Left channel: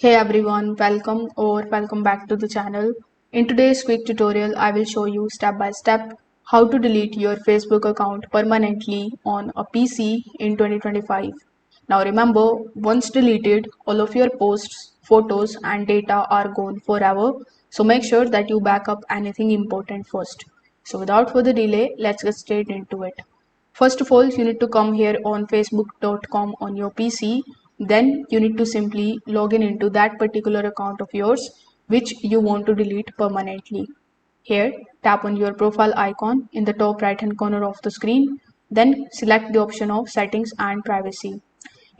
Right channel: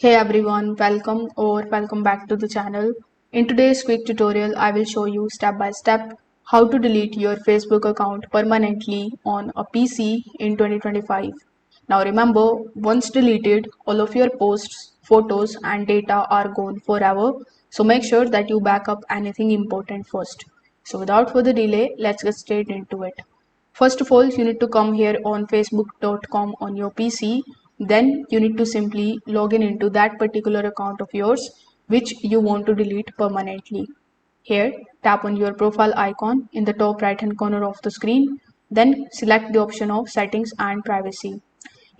Hey everyone, welcome back to the channel. In today's quick tutorial, I will show you step by step how to delete your Facebook account permanently on a PC in 2025. Now remember, once deleted, all of your posts, photos and data are gone forever. So make sure that you back up anything important first. So without further delay, let's get straight into it. First of all, you need to come here on facebook.com on your PC. Then you need to simply log in into that particular account of yours which you want to delete permanently. Here, tap on your profile icon in the top right hand corner of the screen. Then select the option of settings and privacy.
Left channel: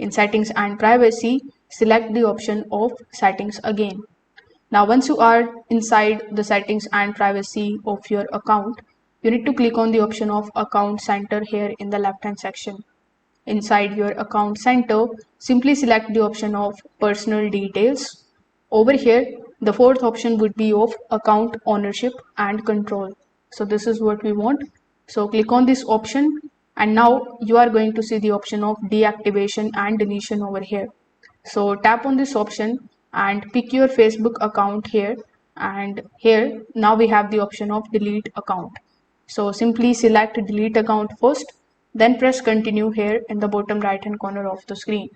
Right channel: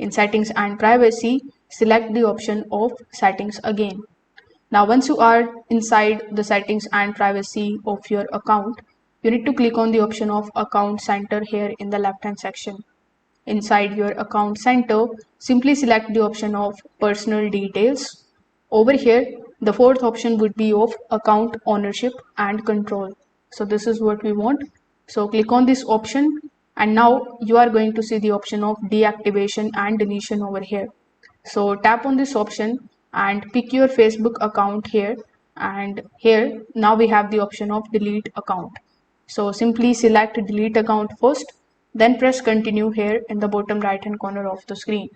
In settings and privacy, select the option of settings again. Now, once you are inside the settings and privacy of your account, you need to click on the option of account center here in the left hand section. Inside your account center, simply select the option of personal details. Over here, the fourth option would be of account ownership and control. So this is what we want. So click on this option and now you are going to see the option of deactivation and deletion over here. So tap on this option and pick your Facebook account here, and here now we have the option of delete account. So simply select delete account first, then press continue here in the bottom right hand corner of the screen.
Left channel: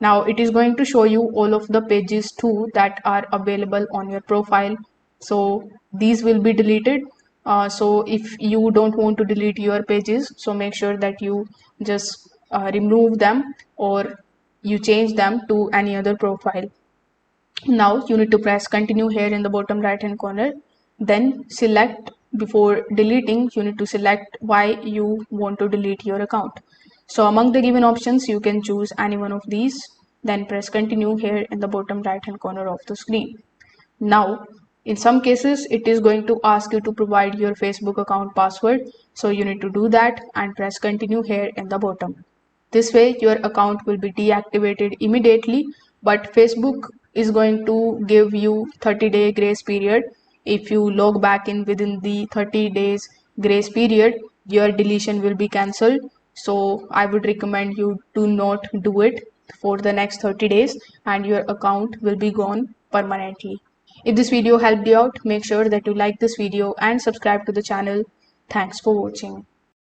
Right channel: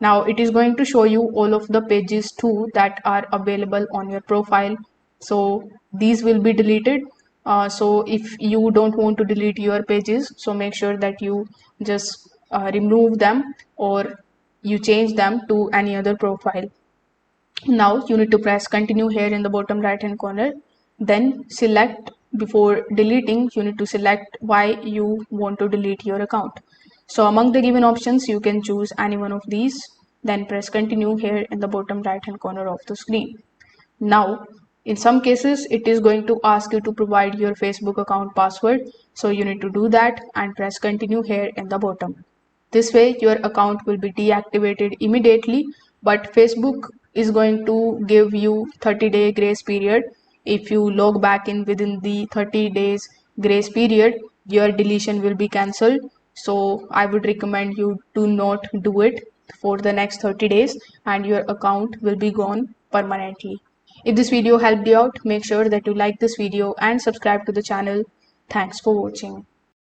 Now it is going to show you all of the pages too that are available on your profile. So these will be deleted. So if you don't want to delete your pages, so make sure that you just remove them or you change them to any other profile. Now you need to press continue here in the bottom right hand corner. Then select, before deleting, you need to select why you want to delete your account. So among the given options, you can choose any one of these. Then press continue here in the bottom right hand corner of the screen. Now, in some cases, it is going to ask you to provide your Facebook account password. So you need to do that and press continue here in the bottom. This way, your account will be deactivated immediately, but Facebook is going to give you 30-day grace period. If you log back in within the 30 days grace period, your deletion will be cancelled. So I would recommend you to not do it for the next 30 days and your account will be gone permanently. If this video helped you out, make sure that you like this video and subscribe to the channel. Thanks for watching.